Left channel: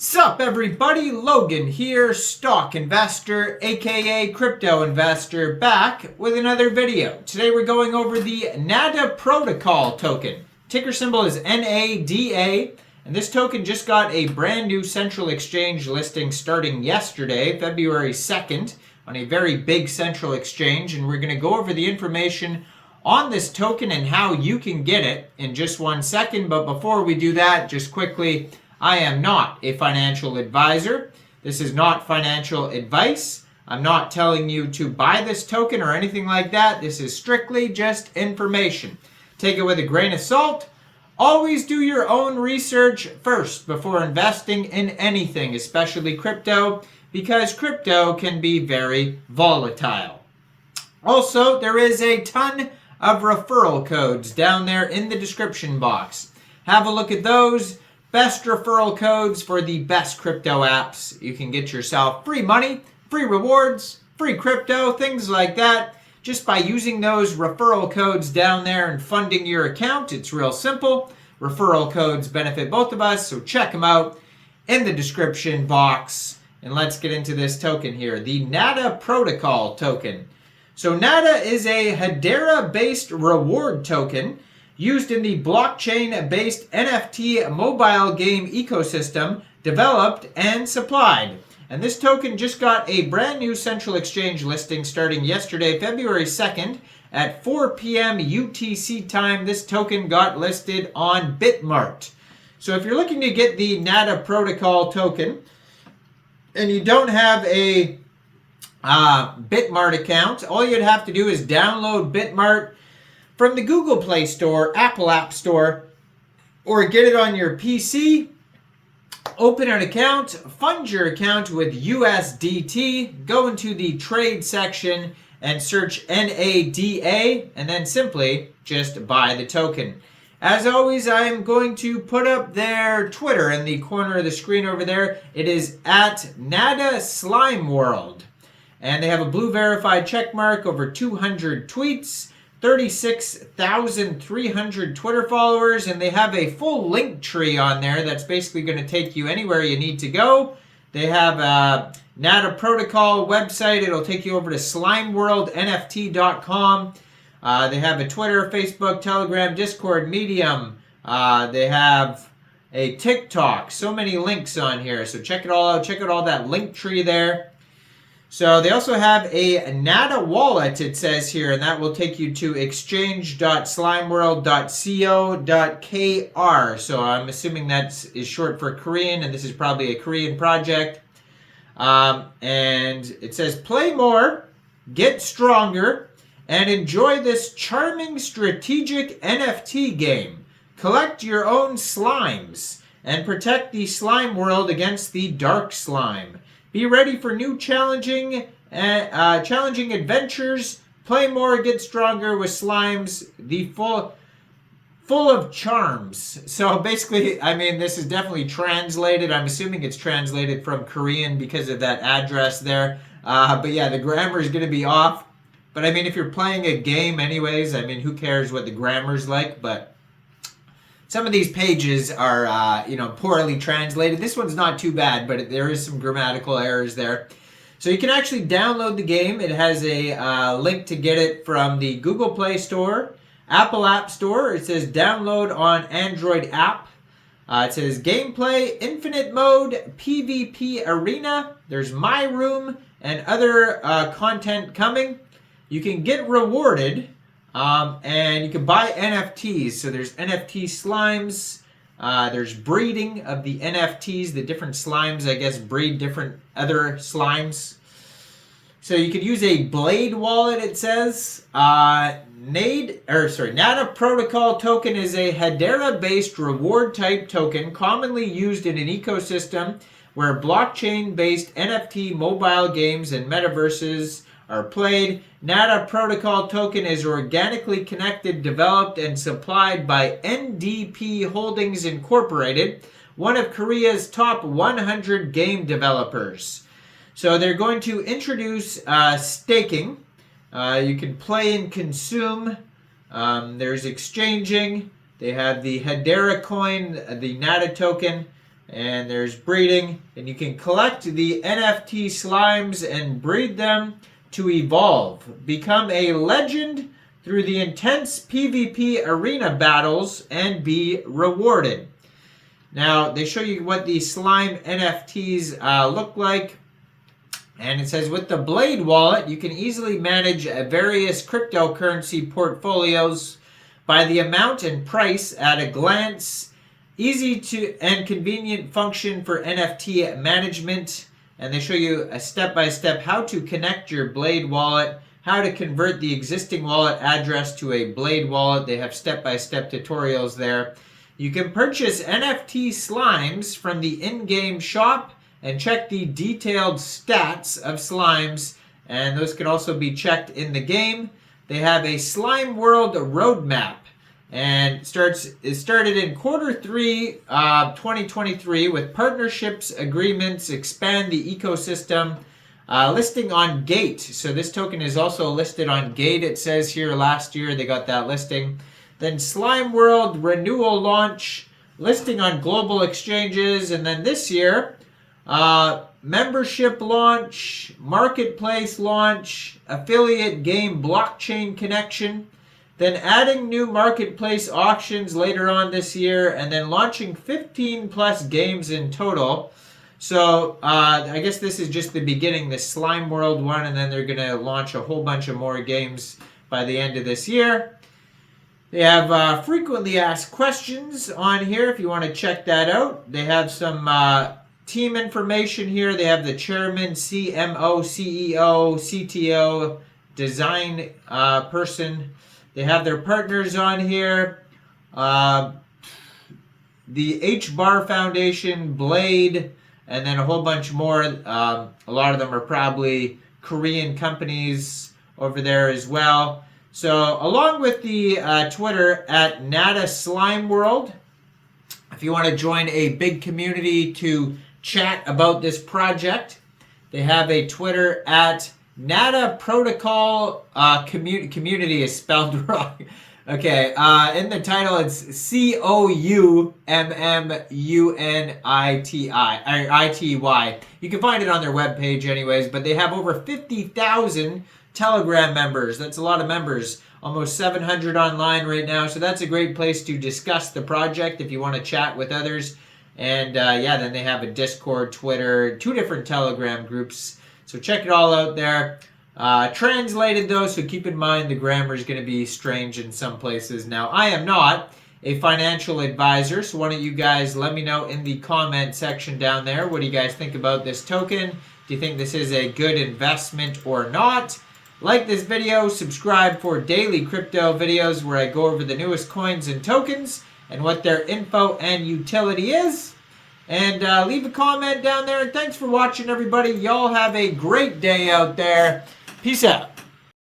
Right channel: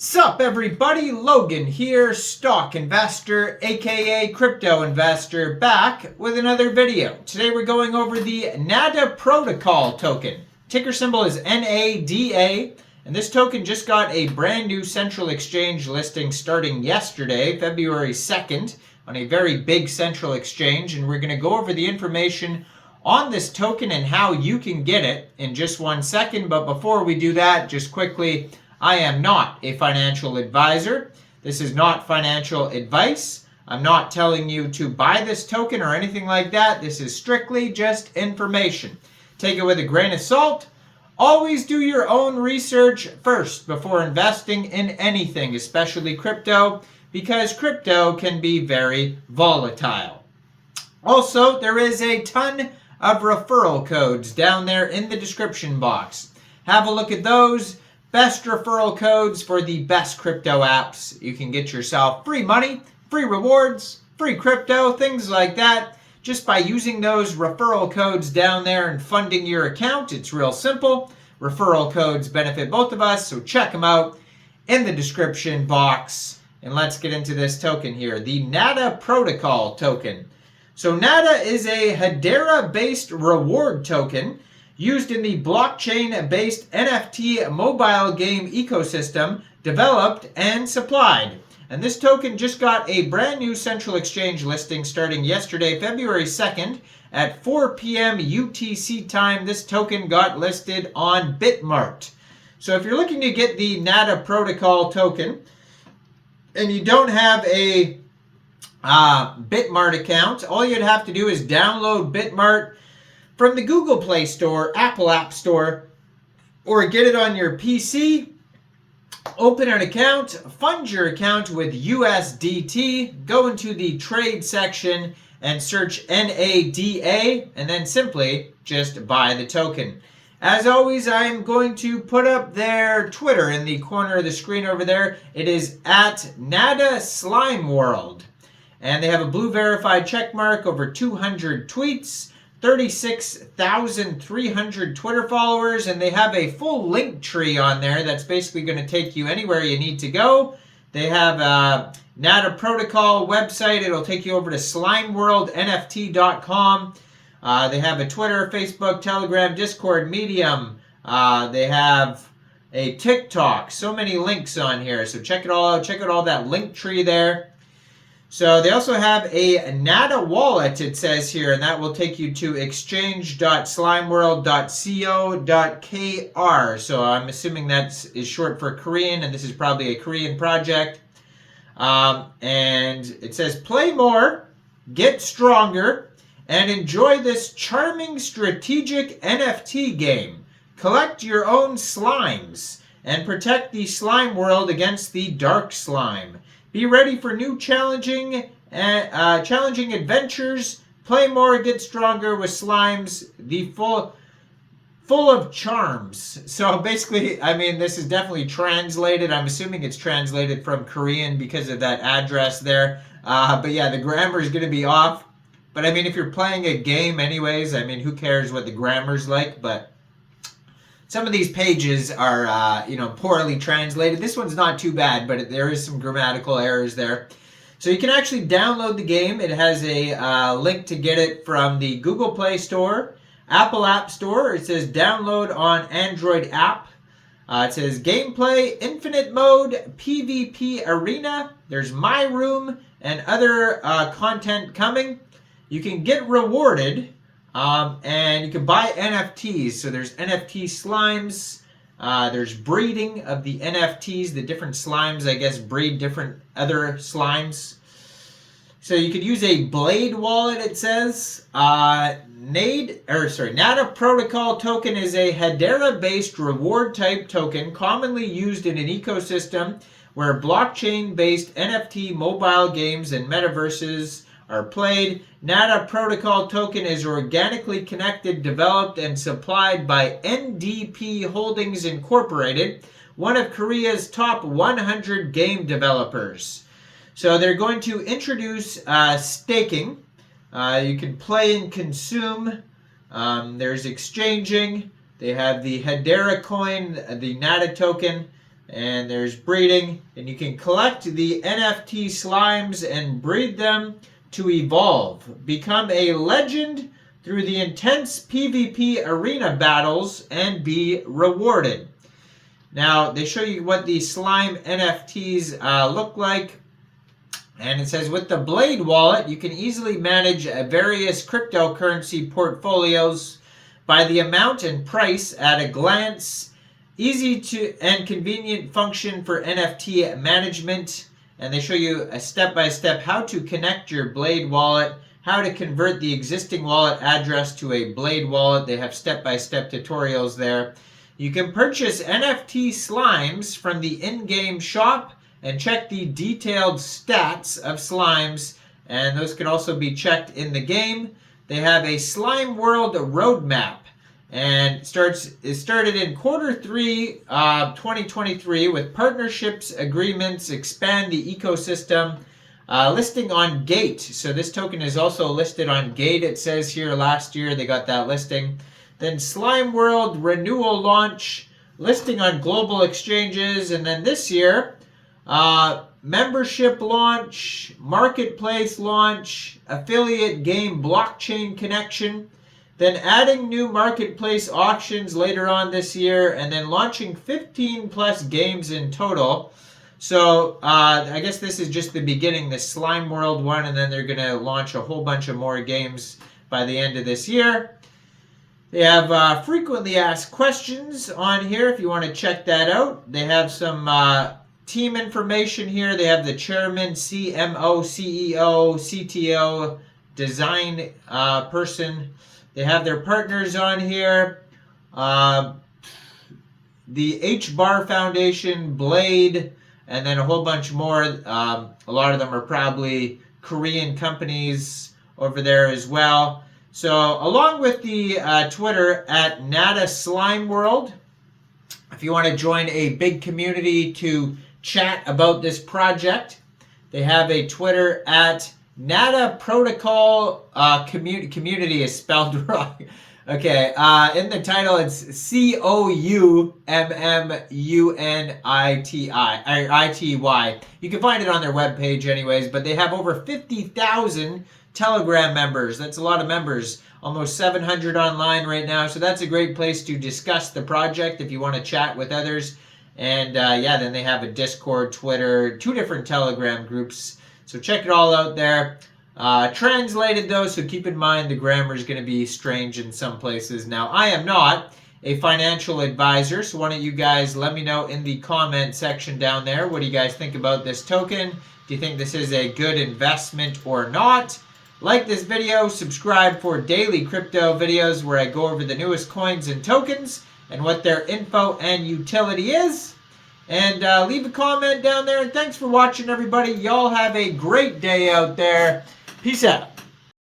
Sup everybody, Logan here, stock investor, aka crypto investor, back with another video. Today we're going over the NADA protocol token. Ticker symbol is NADA, and this token just got a brand new central exchange listing starting yesterday, February 2nd, on a very big central exchange, and we're going to go over the information on this token and how you can get it in just 1 second. But before we do that, just quickly, I am not a financial advisor. This is not financial advice. I'm not telling you to buy this token or anything like that. This is strictly just information. Take it with a grain of salt. Always do your own research first before investing in anything, especially crypto, because crypto can be very volatile. Also, there is a ton of referral codes down there in the description box. Have a look at those. Best referral codes for the best crypto apps. You can get yourself free money, free rewards, free crypto, things like that. Just by using those referral codes down there and funding your account. It's real simple. Referral codes benefit both of us, so check them out in the description box. And let's get into this token here, the NADA protocol token. So NADA is a Hedera-based reward token used in the blockchain-based NFT mobile game ecosystem, developed and supplied. And this token just got a brand new central exchange listing starting yesterday, February 2nd, at 4 p.m. UTC time. This token got listed on Bitmart. So if you're looking to get the NADA protocol token, and you don't have a Bitmart account, all you'd have to do is download Bitmart from the Google Play Store, Apple App Store, or get it on your PC, open an account, fund your account with USDT, go into the trade section and search NADA, and then simply just buy the token. As always, I am going to put up their Twitter in the corner of the screen over there. It is at NADA Slimeworld. And they have a blue verified check mark, over 200 tweets, 36,300 Twitter followers, and they have a full link tree on there that's basically going to take you anywhere you need to go. They have a NADA protocol website. It'll take you over to slimeworldnft.com. They have a Twitter, Facebook, Telegram, Discord, Medium. They have a TikTok. So many links on here. So check it all out. Check out all that link tree there. So they also have a NADA wallet, it says here, and that will take you to exchange.slimeworld.co.kr. So I'm assuming that is short for Korean, and this is probably a Korean project. And it says, play more, get stronger, and enjoy this charming strategic NFT game. Collect your own slimes, and protect the slime world against the dark slime. Be ready for new challenging adventures. Play more, get stronger with slimes. The full of charms. So basically, I mean, this is definitely translated. I'm assuming it's translated from Korean because of that address there. But yeah, the grammar is going to be off. But I mean, if you're playing a game anyways, I mean, who cares what the grammar's like? But some of these pages are, poorly translated. This one's not too bad, but there is some grammatical errors there. So you can actually download the game. It has a link to get it from the Google Play Store, Apple App Store. It says download on Android app. It says gameplay, infinite mode, PvP arena. There's my room and other content coming. You can get rewarded. And you can buy NFTs. So there's NFT slimes. There's breeding of the NFTs. The different slimes, I guess, breed different other slimes. So you could use a Blade wallet, it says. NADA protocol token is a Hedera-based reward type token commonly used in an ecosystem where blockchain-based NFT mobile games and metaverses are played. NADA protocol token is organically connected, developed, and supplied by NDP Holdings Incorporated, one of Korea's top 100 game developers. So they're going to introduce staking. You can play and consume. There's exchanging. They have the Hedera coin, the NADA token. And there's breeding, and you can collect the NFT slimes and breed them to evolve. Become a legend through the intense PvP arena battles and be rewarded. Now, they show you what the slime NFTs look like. And it says, with the Blade wallet, you can easily manage various cryptocurrency portfolios by the amount and price at a glance. Easy to and convenient function for NFT management. And they show you a step-by-step how to connect your Blade wallet, how to convert the existing wallet address to a Blade wallet. They have step-by-step tutorials there. You can purchase NFT slimes from the in-game shop and check the detailed stats of slimes, and those can also be checked in the game. They have a Slimeworld roadmap, and it started in Q3 2023 with partnerships, agreements, expand the ecosystem, listing on Gate. So this token is also listed on Gate. It says here last year they got that listing. Then Slimeworld renewal launch, listing on global exchanges, and then this year, membership launch, marketplace launch, affiliate game blockchain connection, then adding new marketplace auctions later on this year, and then launching 15 plus games in total. So I guess this is just the beginning, the Slimeworld one, and then they're going to launch a whole bunch of more games by the end of this year. They have frequently asked questions on here if you want to check that out. They have some team information here. They have the chairman, CMO, CEO, CTO, design person. They have their partners on here. The H-Bar Foundation, Blade, and then a whole bunch more. A lot of them are probably Korean companies over there as well. So along with the Twitter at Nada Slimeworld, if you want to join a big community to chat about this project, they have a Twitter at Nada Protocol community is spelled wrong. Okay, in the title it's COUMMUNITY. You can find it on their webpage anyways, but they have over 50,000 Telegram members. That's a lot of members. Almost 700 online right now. So that's a great place to discuss the project if you want to chat with others. And then they have a Discord, Twitter, 2 different Telegram groups. So check it all out there. Translated though, so keep in mind the grammar is going to be strange in some places. Now, I am not a financial advisor, so why don't you guys let me know in the comment section down there. What do you guys think about this token? Do you think this is a good investment or not? Like this video, subscribe for daily crypto videos where I go over the newest coins and tokens and what their info and utility is. And leave a comment down there. And thanks for watching, everybody. Y'all have a great day out there. Peace out.